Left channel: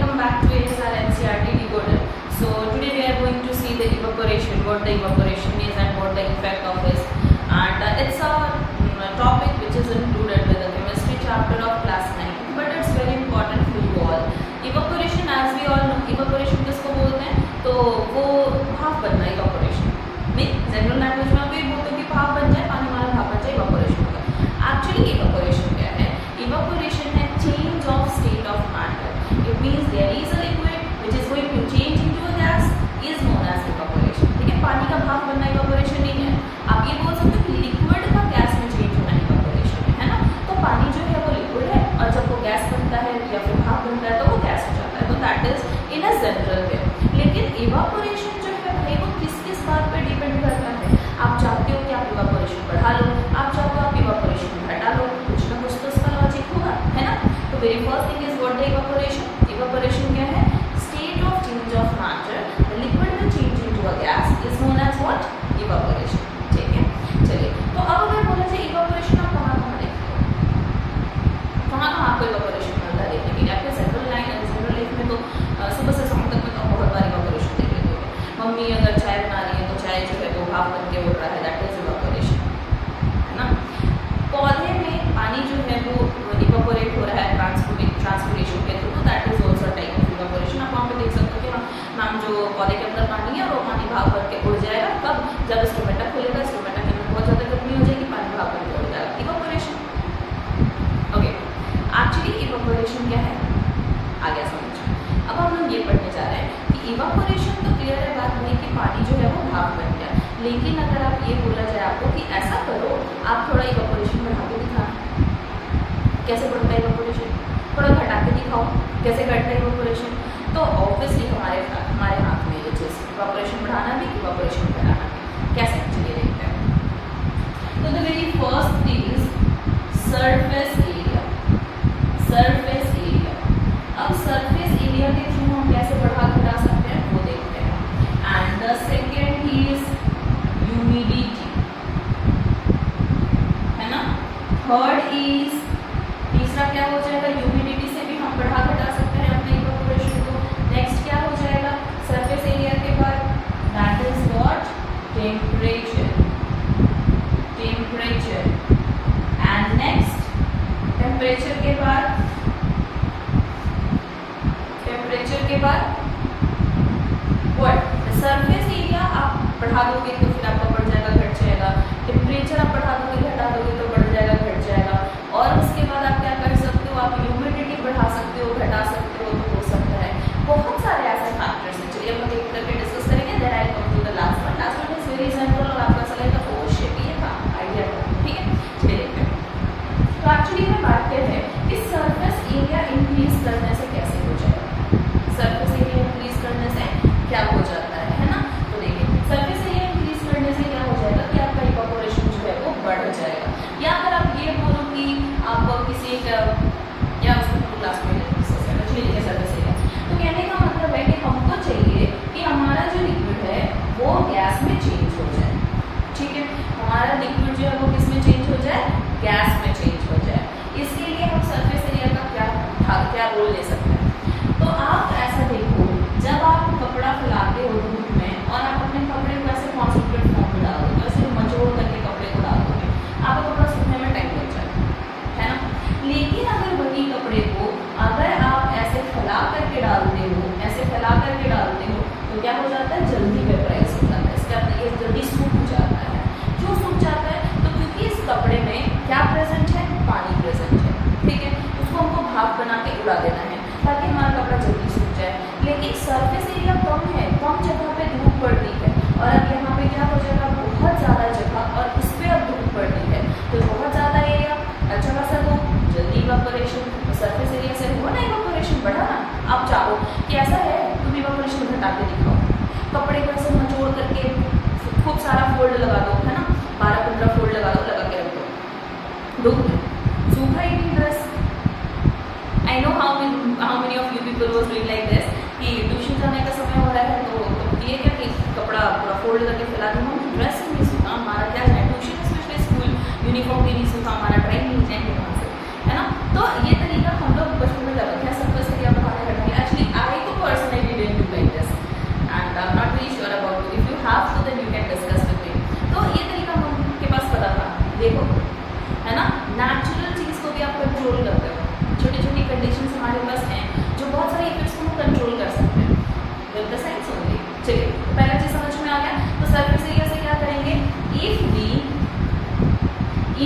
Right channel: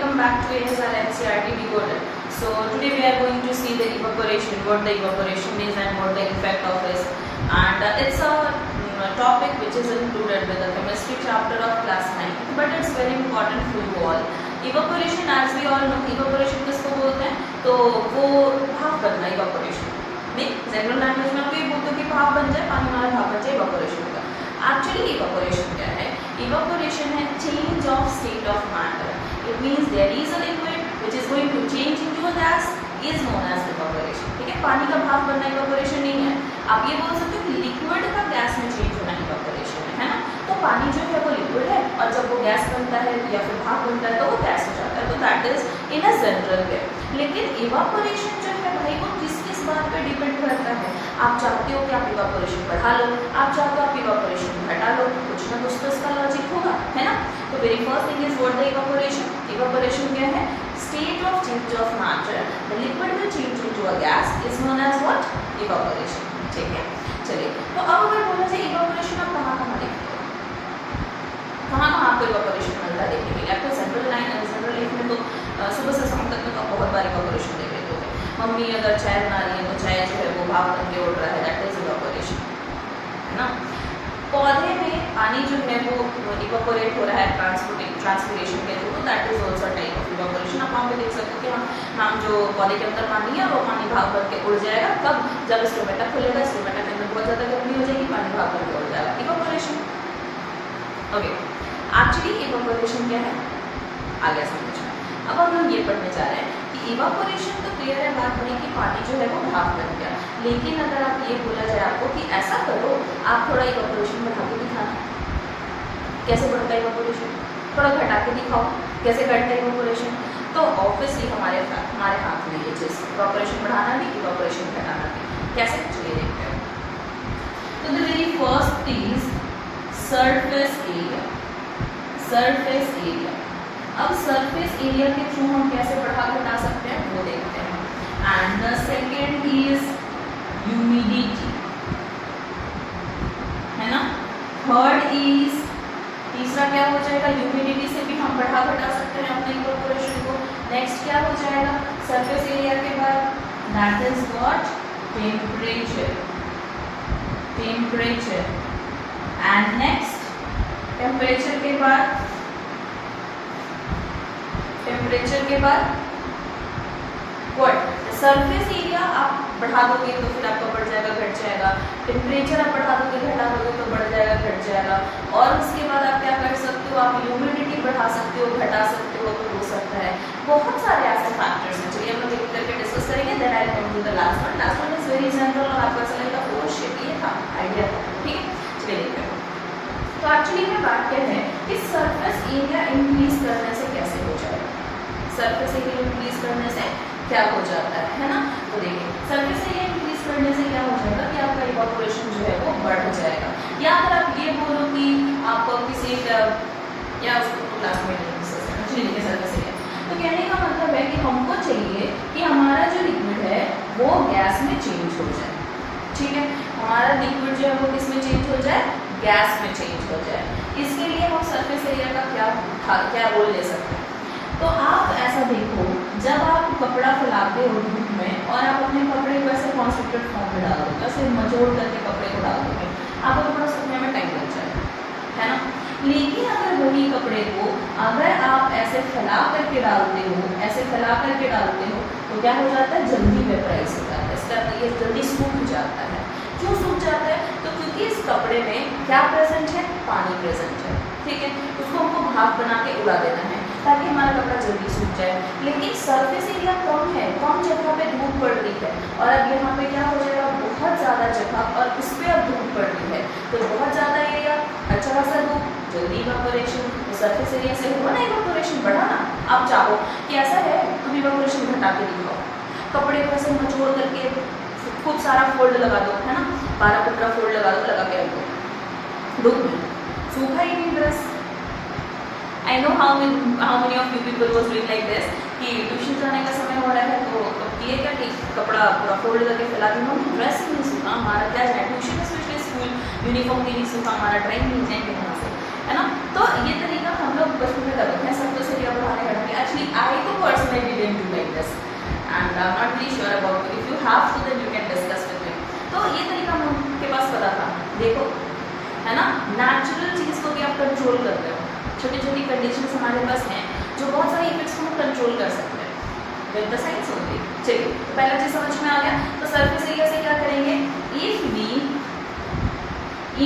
welcome back to ASR NCERT Decoded. So today we are going to see the evaporation, what the evaporation is and what the effect of it. And it's a topic which is included with the chemistry chapter of class 9, but it's very important for you all. Evaporation, as we all know, evaporation किसको बोलते हैं? तो वो भाप बनना evaporation. नहीं, general language में आप ये बोलते हो कि भाप बन जाए, पानी वाला भाप बन जाए, evaporation होगा. Actually evaporation क्या है? Evaporation है change of state of matter. It means there is a liquid which is going to change into a gas is known as evaporation. ठीक है, पानी का भाप बनना evaporation नहीं है. आप ये बोल सकते हो कि लिक्विड का गैस में चेंज होना evaporation है ना. तो पानी जो है वो लिक्विड है और जब वो गैस बनता है या फिर भाप बनता है तो वो गैस हो जाता है. तो that is in a general वे. लेकिन evaporation जो है भाई वो किस किस बात पे डिपेंड करता है. आप चाहते हो कि आप evaporation बढ़ा लो, आप चाहते हो आप evaporation घटा लो, कुछ ना कुछ तो इसका लॉजिक होगा, है ना. तो very first thing is what the evaporation. evaporation क्या है? State of change of matter. The liquid will change into a gas is known as what? Evaporation. ठीक है, चलिए. तो अब अगर बोला जाए evaporation आप कहाँ कहाँ देखते हो, कहाँ कहाँ आपको evaporation मिलता है देखने के लिए. आपको जनरल लाइफ में तो सुबह से शाम तक में तो बहुत बार evaporation देख लेते होंगे. मम्मी अगर चाय बना रही है तो चाय जो है वो भाप बन के उड़ रहा है, दैट इज evaporation, है ना. पौधे में पानी जो है वो इवापोरेट हो रहा है ट्रांसपोर्टेशन के through, that is also type of evaporation. आप वहाँ पे देख सकते हो कि हम जो पौधे के अंदर पानी है और वो पानी भाप बन के उड़ जाएगा. कब? जब स्टोमेटा खुलेगा, स्टोमेटा के अंदर बहुत ज़्यादा गर्मी हो जाएगी, पानी भाप बन के उड़ जाएगा. इवापोरेशन. ओके, एक्चुअली इवापोरेशन क्या है आ गया समझ में. अब हम लोग ये पढ़ने जा रहे हैं कि इवापोरेशन तो क्लियर है बात नहीं कि पानी जो है वो भाप बन गया. लेकिन अगर आप ये बोला जाए आपको कि ऐसा करो, आप थोड़ा इवापोरेशन बढ़ा के दिखाना. कैसे बढ़ता है इवापोरेशन? थोड़ा घटा के दिखाओ कैसे घटता है इवापोरेशन. तो ऑब्वियसली हमारे हाथ में ये चीज़ इवापोरेशन बढ़ाना भी, इवापोरेशन घटाना भी. कैसे चलिए देखते हैं. तो the very first is surface area. Surface area. अब सरफेस एरिया के थ्रू हम कैसे बढ़ा घटा सकते हैं वो देखते हैं. And the second is humidity, है ना. थर्ड इज, तीसरा क्या हो जाएगा, ह्यूमिडिटी से भी हम बढ़ा घटा सकते हैं अपने इवापोरेशन को. नेक्स्ट क्या हो जाएगा सरफेस एरिया के बाद, that is what, temperature. Temperature. And next temperature के बाद, टेम्परेचर के बाद व्हाट, सरफेस एरिया आप बढ़ा दोगे तो फिर आपका बढ़ जाएगा, घट जाएगा. टेम्परेचर आप बढ़ा दोगे, घटा दोगे तो बढ़ जाएगा, घट जाएगा. और उसके बाद आप क्या कर सकते हो, आप ह्यूमिडिटी बढ़ा सकते हो, घटा सकते हो. तो हो सकता है बहुत सारे ऐसे फैक्टर्स हैं. चलिए हम लोग एक करके डिस्कस करेंगे. Then I come to the last one. Last one is very general और आपको ऐसा लगेगा ओ शिट ये था आइडिया था. ठीक है, चलिए देखते हैं. तो एक्चुअली में बात क्या है कि सरफेस एरिया इंक्रीज करने से कैसे हो जाएगा. सरफेस एरिया इंक्रीज करने से क्या हो जाता है ना. तो देखिए सरफेस एरिया इंक्रीज करने से क्या हो जाएगा कि आपका इवापोरेशन जो है वो बढ़ जाएगा. या अगर आप ये बोलो कि आप किसी या उसको क्लास में लिखे सरफेस एरिया, तो कहने का मतलब है कि हमको चाहिए कि हमारा जो लिक्विड है वो गैस में चेंज हो जाए. ठीक है, हमारा लिक्विड जो है वो किस में चेंज हो जाए, गैस में चेंज हो जाए. इसके लिए हम सरफेस एरिया का क्या रोल ले सकते हैं. तो आप ऐसा देखो, जब आप कपड़ा फैलाते हो धूप में और आप अपने कपड़े को ऐसे कॉन्सेंट्रेट फॉर्म में डाल दोगे, ऐसे मचोड़ करके कपड़े को डाल दोगे, आपका कपड़ा सूखने में टाइम लग जाएगा, है ना. लेकिन अगर वही कपड़े को अगर आप ऐसे फैला करके डालते हो, ऐसे फैला करके डालते हो, तो क्या हो जाता है, जल्दी वेपराइज हो जाता है. इसका ये जल्दी सूख जाता है. क्यों सूख जाता है? तो क्योंकि इस कपड़े में क्या प्रेजेंट है, पानी प्रेजेंट है. ठीक है, उसको हमको भाप बना के उड़ा देना है ताकि हमारा कपड़ा जल्दी सूख जाए. लेकिन सरफेस एरिया कम है, कम जगह पे धूप पड़ रही है और अब यहाँ पे क्या हो जाएगा, बहुत ज़्यादा जगह और उस पर अब धूप पड़ रही है. तो बहुत ज़्यादा एरिया, अच्छा खासा धूप, जल्दी इवापोरेशन. तो सरफेस एरिया से हुआ ना इवापोरेशन, बढ़ा ना. आप चाहो कि ऐसा है तुम इवापोरेशन घटा के दिखाओ, कपड़े को ऐसे मचोड़ करके खूब सारा फोल्ड लगा दो, है ना, 12-15 फोल्ड लगा दो, लगा के रख दो धूप में, सूखा ही नहीं dress. I know how many of you people was doing like this कि ट्यूशन जाने का समय हो रहा है तो ये क्या कि कपड़ा पूरा फोल्ड करके फैला दी, हम ड्रेस ही नहीं सूखा, हमारा क्या जाए ट्यूशन स्पेशली स्कूल यूनिफॉर्म भी नहीं सूखा, हमारा ड्राइंग नहीं जाएंगे कहाँ से, है ना. तो ये तरीका हम लोग बचपन में कर रखे हैं सरफेस एरिया बढ़ाने का. एक्चुअली कंडीशंस हमारे पास हैं जो बहुत सारे इफेक्ट्स को हम कंट्रोल कर सकते हैं विद द साइंस ओनली। चलिए तो पहला चीज समझ में आ गया। तो सरफेस एरिया से क्या करेंगे, इफ वी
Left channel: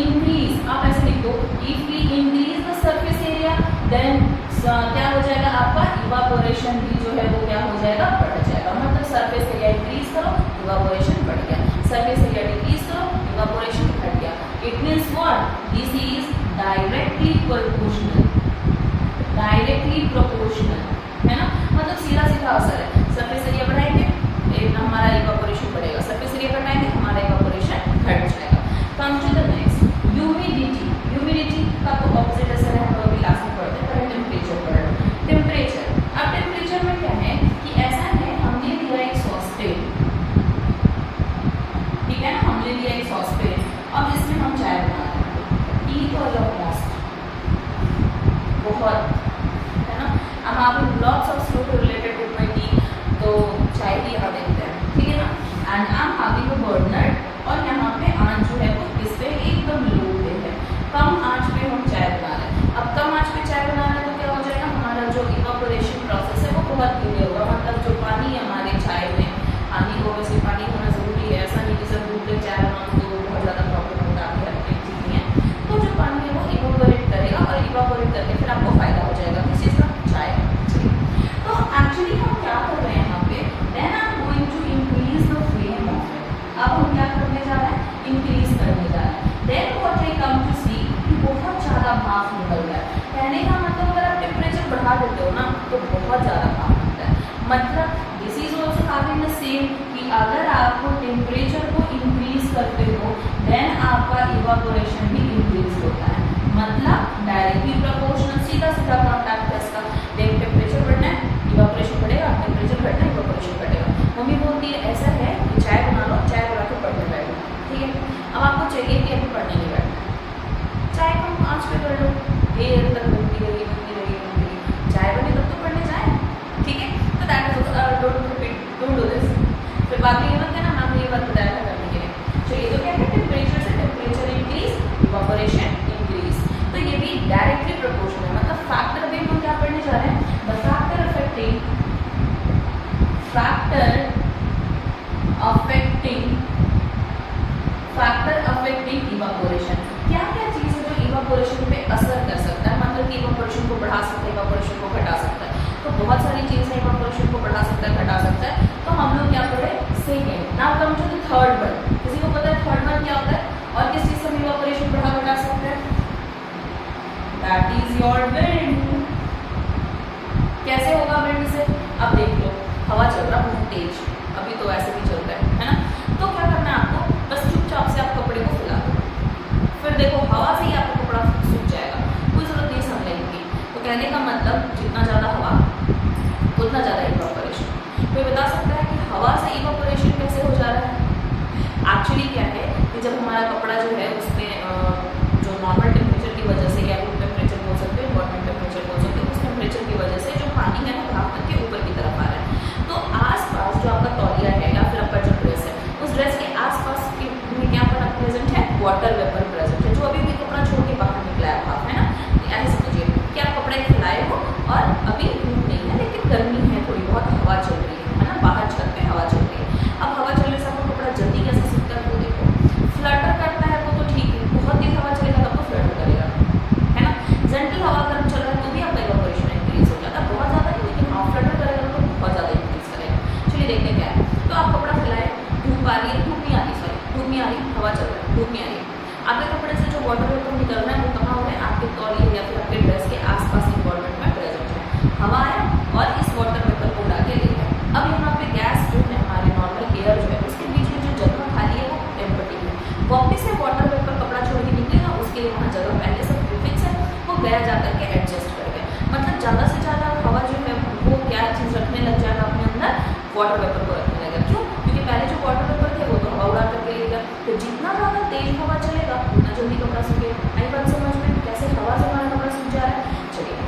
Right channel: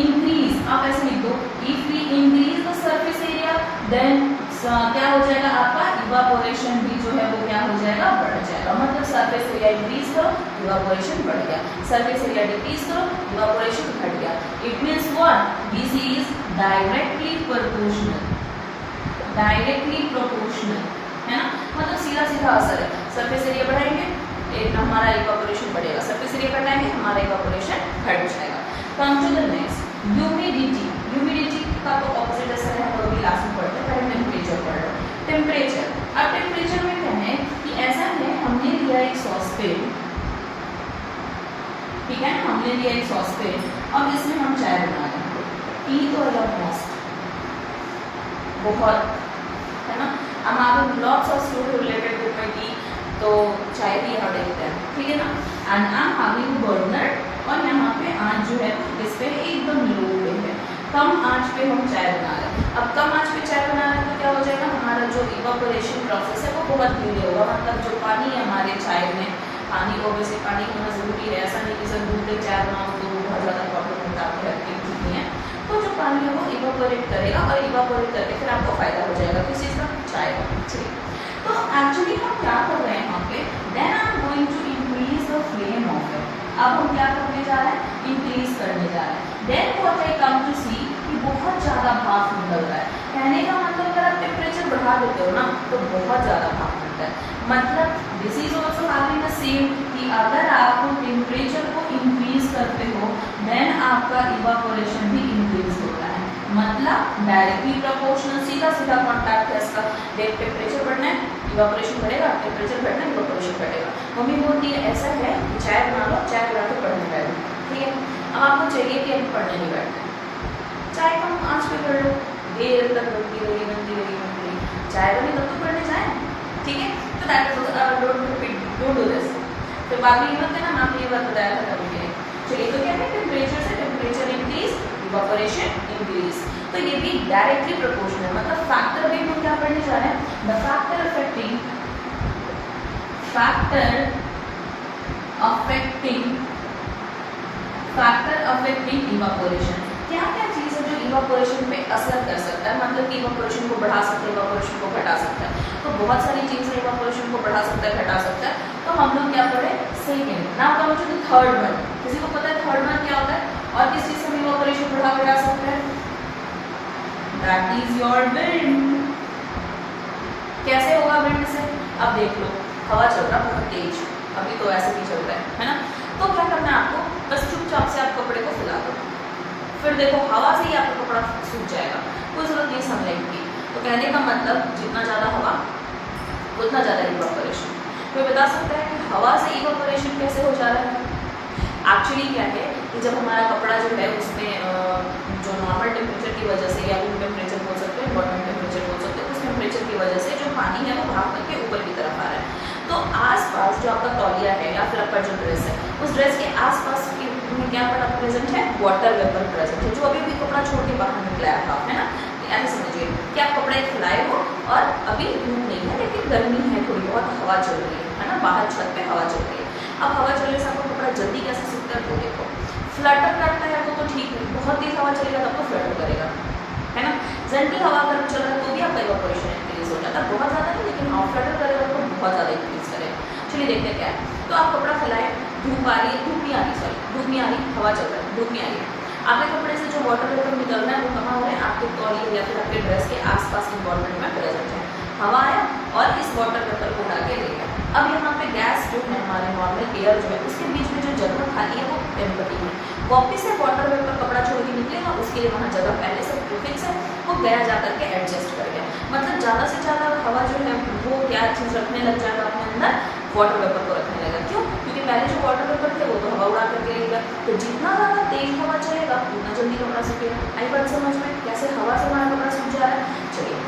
इंक्रीज, आप ऐसे लिख दो, if we increase the surface area then क्या हो जाएगा आपका इवापोरेशन भी जो है वो क्या हो जाएगा, बढ़ जाएगा। मतलब सरफेस एरिया इंक्रीज करो इवापोरेशन बढ़ गया, सरफेस एरिया डिक्रीज करो इवापोरेशन घट गया। It means what, this is directly proportional, directly proportional है ना, मतलब सीधा सीधा असर है। सरफेस एरिया बढ़ाएंगे एक हमारा इवापोरेशन बढ़ेगा, सरफेस एरिया घटाएंगे हमारा इवापोरेशन घट जाएगा। Come to the next, humidity. Humidity का तो ऑपोजिट असर है, हम लोग अभी क्लास में पढ़ते हैं, पहले टेम्परेचर पढ़ रहे हैं। टेम्परेचर, अब टेम्परेचर में क्या है कि ऐसा है, हमने लिया एक सॉसपेन, ठीक है ना, हमने लिया एक सॉसपेन, अब इसमें हम चाय बना रहे हैं। टी तो अलग मॉस्ट बहुत है ना, अब आप lots of student related with my T, तो चाय भी यहाँ देखते हैं, ठीक है ना। And I am having a burner, और यहाँ पे आंच जो है वो इस पे एकदम लो पे है, कम आंच पे हम चाय बना रहे हैं। अब कम आंच पे चाय बना रहे हैं तो क्या हो जाएगा, हमारा जो इवापोरेशन प्रोसेस है वो बहुत धीरे होगा। मतलब जो पानी है हमारे चाय में, पानी को वैसे पानी होना ज़रूरी है, ऐसा नहीं कि सर दूध में चाय बनाओ तो बहुत ज़्यादा प्रॉब्लम होता है, आपकी ठीक नहीं है। तो जो पानी है वो इवापोरेट करेगा, और इवापोरेट करके फिर आपको फ़ायदा हो जाएगा किस चीज़ का, चाय का। चलिए तो एक्चुअली हम क्या कर रहे हैं यहाँ पे, then I am going to increase the flame of it. अब हम क्या करने जा रहे हैं, इंक्रीज करने जा रहे हैं। Then what I come to see कि बहुत ज़्यादा भाप निकल रहा है। कहने का मतलब अगर आप टेम्परेचर बढ़ा देते हो ना तो बहुत ज़्यादा भाप निकलता है। मतलब this is also having the same कि अगर आप टेम्परेचर को इंक्रीज करते हो देन आपका इवापोरेशन भी इंक्रीज होता है। मतलब डायरेक्टली प्रोपोर्शनल, सीधा सीधा कॉन्टैक्ट है इसका। टेम्परेचर बढ़ना है इवापोरेशन बढ़ेगा, टेम्परेचर घटना है इवापोरेशन घटेगा। मम्मी बोलती है ऐसा है कि चाय बना लो, चाय बना के पढ़ने बैठो, ठीक है। अब आपको चाहिए कि अभी पढ़ने नहीं बैठना है, चाय कम आंच पे कर लो, देर तक बनती रही बनती रही बनती रही, चाय बने तब तो पढ़ने जाए, ठीक है। तो that is don't do this. फिर बाद में ये मत कहना मैं आपने ये बात बताया था करने के लिए। चलिए तो क्या है, टेम्परेचर से टेम्परेचर इंक्रीज इवापोरेशन इंक्रीज, तो ये भी डायरेक्टली प्रोपोर्शनल है। मतलब फैक्टर भी हम क्या पढ़ने जा रहे हैं, द फैक्टर अफेक्टिंग इवापोरेशन। क्या क्या चीज़ है जो इवापोरेशन पे असर कर सकता है, मतलब कि इवापोरेशन को बढ़ा सकता है, इवापोरेशन को घटा सकता है। तो बहुत सारी चीज़ें इवापोरेशन को बढ़ा सकता है, घटा सकता है। तो हम लोग क्या करें, second, now come to the third one. किसी को पता है थर्ड वन क्या होता है, और किस चीज़ से हम इवापोरेशन बढ़ा घटा सकते हैं, दैट इज योर विंड। कैसे होगा विंड से, अब देख लो हवा चल रहा बहुत तेज, अभी तो ऐसे भी चल रहा है ना। तो क्या करना है आपको, बस चुपचाप से आप कपड़े को फैला दो, फिर देखो हवा से ही आपका कपड़ा सूख जाएगा, कोई ज़रूरत नहीं सनलाइट की। तो कहने का मतलब जितना ज़्यादा हवा उतना ज़्यादा इवापोरेशन। कोई बता सकता है कि हवा से इवापोरेशन कैसे हो जा रहा है। एक्चुअली क्या है कि जब हमारा कपड़ा जो है उसमें जो नॉर्मल टेम्परेचर की वजह से, या रूम टेम्परेचर बोल सकते हो, इन्वायरमेंट टेम्परेचर बोल सकते हो, उस टेम्परेचर की वजह से जो पानी है वो भाप करके ऊपर की तरफ आ रहा है। तो आसपास जो आपका तौलिया है या फिर आपका जो ड्रेस है, उस ड्रेस के आसपास में क्या पड़ा प्रेजेंट है, वाटर वेपर प्रेजेंट है, जो अभी भी कपड़ा छोड़ के बाहर निकला है भाप, है ना। ऐसे समझिए कि आप कपड़े फैलाए हो और अभी धूप नहीं है लेकिन गर्मी है, थोड़ी बहुत हवा चल रही है ना, बाहर छत पे हवा चल रही है। अब हवा चलने से आपको कपड़ा जल्दी कैसे सूखता है वो देखो। फ्लटर करता है वो तो ठीक है, बहुत तेज हवा चलेगा तब तो फ्लटर करेगा, है ना। जेंटल हवा अगर चल रहा है तो भी आपका इवापोरेशन इंक्रीज हो जाता है, बहुत ज़्यादा नहीं लेकिन हाँ फ्लटर करेगा तो बहुत ज़्यादा इंक्रीज करेगा। चलिए देखते हैं क्या है। तो आप कपड़ा फैलाएं, धूप आ रही है, धूप नहीं आ रही, सॉरी धूप नहीं आ रही, हवा चल रहा है, धूप नहीं आ रही है। आपके कपड़े से जो वाटर वेपर निकल रहा है वो कहाँ हो रहा है, आपके तौलिए या फिर आपके ड्रेस के आसपास इन्वायरमेंट में प्रेजेंट है। हवा आया और इस वाटर वेपर को उड़ा के ले गया। अब यहाँ पे गैस जो है हमारे नॉर्मल एयर जो है उसके बीच में जो जगह खाली है वो एम्प्टी है, वापस से वाटर वेपर कपड़ा छोड़ के निकलेगा, उसके लिए वहाँ जगह पहले से प्रीफिक्स है, वो गया जा करके एडजस्ट कर गया। मतलब ज़्यादा से ज़्यादा हवा जो है वो क्या चीज़ रखने लग जाएगा अपने अंदर, वाटर वेपर को रखने लगेगा। क्यों, क्योंकि पहले जो वाटर वेपर थे वो तो हवा उड़ा करके ले गया, तो जितना ज़्यादा तेज हवा चलेगा उतना जल्दी कपड़ा सूखेगा। आई बात समझ में, कैसे हवा से हमारा कपड़ा सूख जा रहा है। चलिए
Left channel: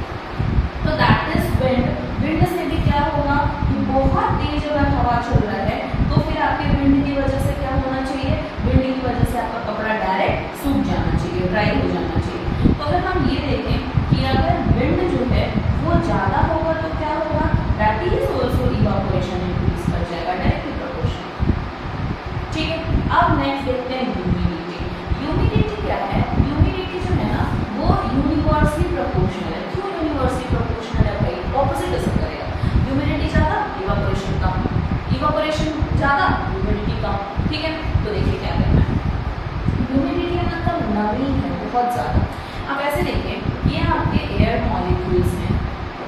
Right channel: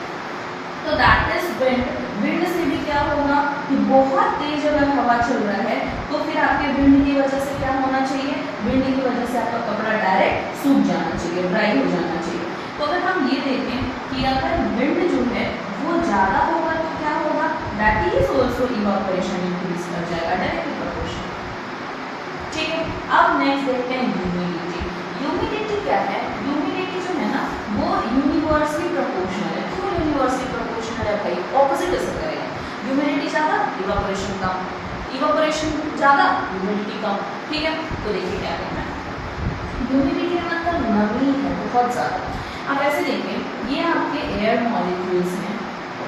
तो दैट इज विंड। विंड से भी क्या होगा कि बहुत तेज अगर हवा चल रहा है तो फिर आपके विंड की वजह से क्या होना चाहिए, विंड की वजह से आपका कपड़ा डायरेक्ट सूख जाना चाहिए, ड्राई हो जाना चाहिए। तो अगर हम ये देखें कि अगर विंड जो है वो ज़्यादा होगा तो क्या होगा, that is also evaporation increase कर जाएगा डायरेक्टली प्रोपोर्शनल। ठीक है, अब नेक्स्ट देखते हैं ह्यूमिडिटी। ह्यूमिडिटी क्या है, ह्यूमिडिटी जो है ना वो यूनिवर्सली प्रोपोर्शनल है। क्यों यूनिवर्सली प्रोपोर्शनल है भाई, ऑपोजिट असर करेगा। ह्यूमिडिटी ज़्यादा, इवापोरेशन कम, इवापोरेशन ज़्यादा, ह्यूमिडिटी कम। ठीक है, तो देखिए क्या करना है, ह्यूमिडिटी मतलब नमी है बहुत ज़्यादा। अब ऐसे देखिए, ये आपके एयर मॉलिक्यूल्स हैं,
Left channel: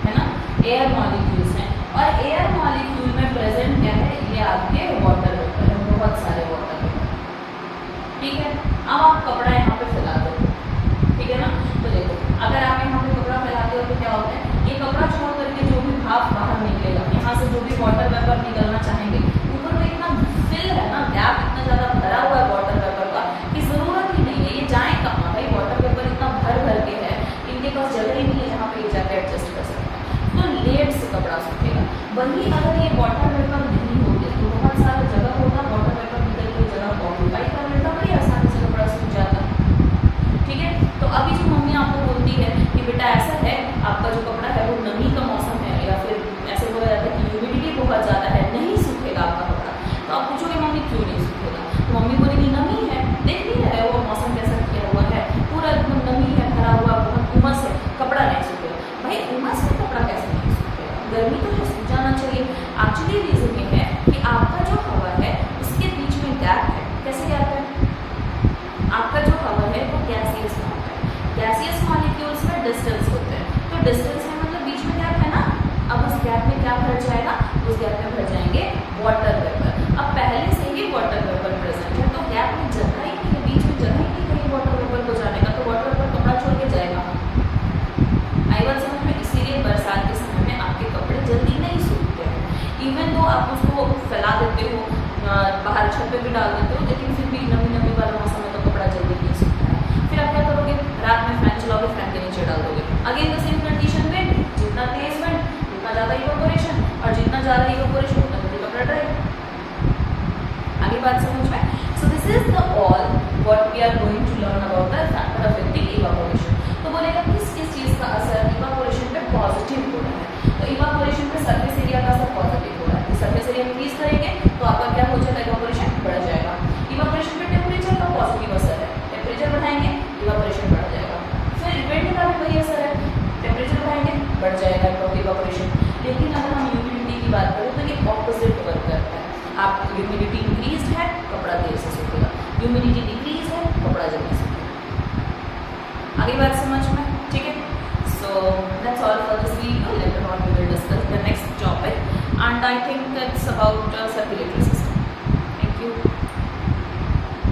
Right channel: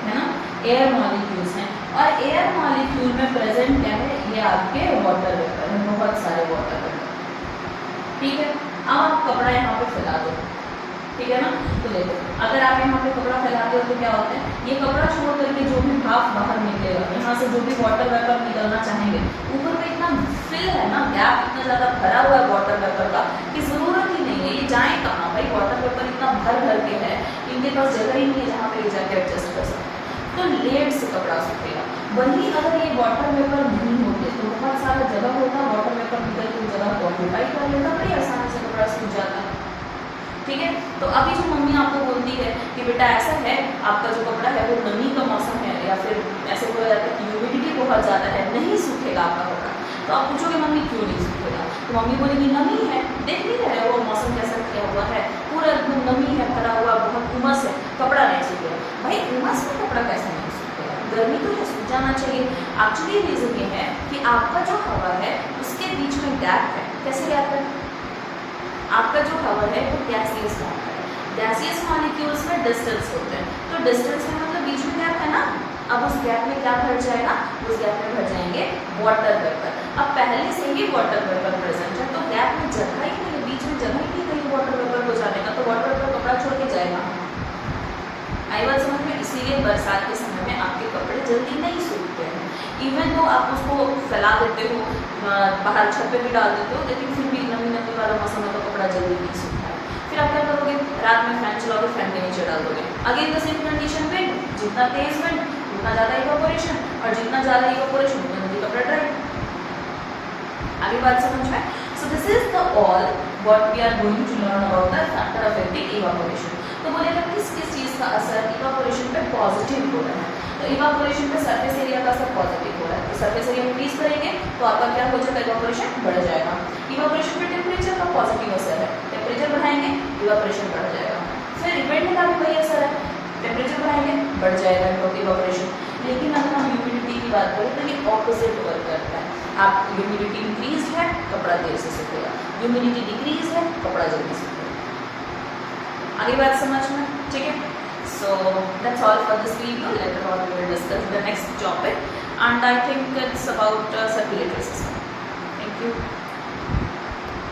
है ना, एयर मॉलिक्यूल्स हैं, और एयर मॉलिक्यूल में प्रेजेंट क्या है, ये आपके वाटर वेपर है, बहुत सारे वाटर वेपर। ठीक है, अब आप कपड़ा यहाँ पे फैला दो, ठीक है ना, तो देखो अगर आप यहाँ पे कपड़ा फैलाते हो तो क्या होता है, ये कपड़ा छोड़ करके जो भी भाप बाहर निकलेगा, यहाँ से जो भी वाटर वेपर निकलना चाहेंगे, ऊपर में इतना फिल है ना, गैप इतना ज़्यादा भरा हुआ है वाटर वेपर का कि ज़रूरत ही नहीं है, ये जाए कहाँ भाई, वाटर वेपर इतना भर भर के है, इनके पास जगह ही नहीं है जहाँ पे ये जाके एडजस्ट कर सकते हैं, तो लेट से कपड़ा सूखेगा। वहीं अगर ये वाटर वेपर नहीं होते तो बहुत सारा जगह होता, वाटर वेपर निकल के जगह को ऑक्यूपाई कर लेता, बड़ी आसानी से कपड़ा सूख जाता। ठीक है, तो अभी जो मम्मी आपको बोलती है कि बेटा ऐसा है, आपका जो कपड़ा है वो नमी का मौसम है, या फिर ऐसे बोला जाता है कि ह्यूमिडिटी बहुत ज़्यादा है, नहीं सूखेगा आपका कपड़ा, तो आप पूछोगे मम्मी क्यों नहीं सूखेगा, तो मम्मी बोलेगी नमी है, देख नहीं रहे हो मौसम कैसा किया हुआ है, पूरा एकदम नमी है, भरा हुआ, बहुत उमस है, कपड़ा नहीं सूखेगा। भाई उमस में कपड़ा कैसे नहीं सूखेगा, गर्मी तो है, सूख जाना चाहिए। एक्चुअली रीज़न ये है कि आपका जो हवा है उसके बीच में गैप है। कैसे गैप है, आपका जो हवा है वो गैसियस फॉर्म है, गैसियस मॉलिक्यूल्स में डिस्टेंस होते हैं, तो डिस्टेंस में मतलब बीच में गैप है ना, अब उस गैप में क्या भर जाएगा, उस गैप में भर जाएंगे वाटर वेपर। अब पहले से ही वाटर वेपर प्रेजेंट है, तो गैप में जगह ही नहीं है, बीच में जगह ही नहीं कहीं वाटर वेपर को जाने का, तो वाटर वेपर कपड़ा छोड़ के जाएगा। आई बात समझ में, इसीलिए बरसात के समय में आपके कपड़े जल्दी नहीं सूखते हैं, इवन तो आप उसको फैला देते हो, बाहर छत पे भी डाल देते हो, लेकिन फिर भी नमी नमी वाला मौसम है तो कपड़ा जल्दी नहीं सूखता है। फिर आप क्या करोगे, रात में फैन चलाओगे, फैन के नीचे डाल दोगे, again the same condition, wind जितना तेज विंड उतना ज़्यादा इवापोरेशन, और जितना ज़्यादा इवापोरेशन उतना जल्दी कपड़ा ड्राई। आगे बात समझ में। So this is the all what we are going to learn about the factor affecting evaporation. तो बोलेगा किस किस चीज़ का असर इवापोरेशन पे पॉजिटिव हो रहा है, तो इवापोरेशन पे सरफेस एरिया का असर पॉजिटिव हो रहा है, तो सरफेस एरिया इंक्रीज करेंगे तो आपका क्या हो जाएगा, इवापोरेशन बढ़ जाएगा। इवापोरेशन पे टेम्परेचर का पॉजिटिव असर है, टेम्परेचर बढ़ाएंगे इवापोरेशन बढ़ जाएगा। फिर विंड का भी वही असर है, टेम्परेचर बढ़ाएंगे बढ़ जाएगा इवापोरेशन। लेकिन अगर हम ह्यूमिडिटी की बात करें तो ये ऑपोजिट वर्क करता है, आप ह्यूमिडिटी इंक्रीज है कपड़ा देर से सूखेगा, ह्यूमिडिटी डिक्रीज है कपड़ा जल्दी सूखेगा। आगे बात समझ में, ठीक है। So that's all for this video. Later on we will discuss the next topic, and I think it's about circulatory system. Thank you.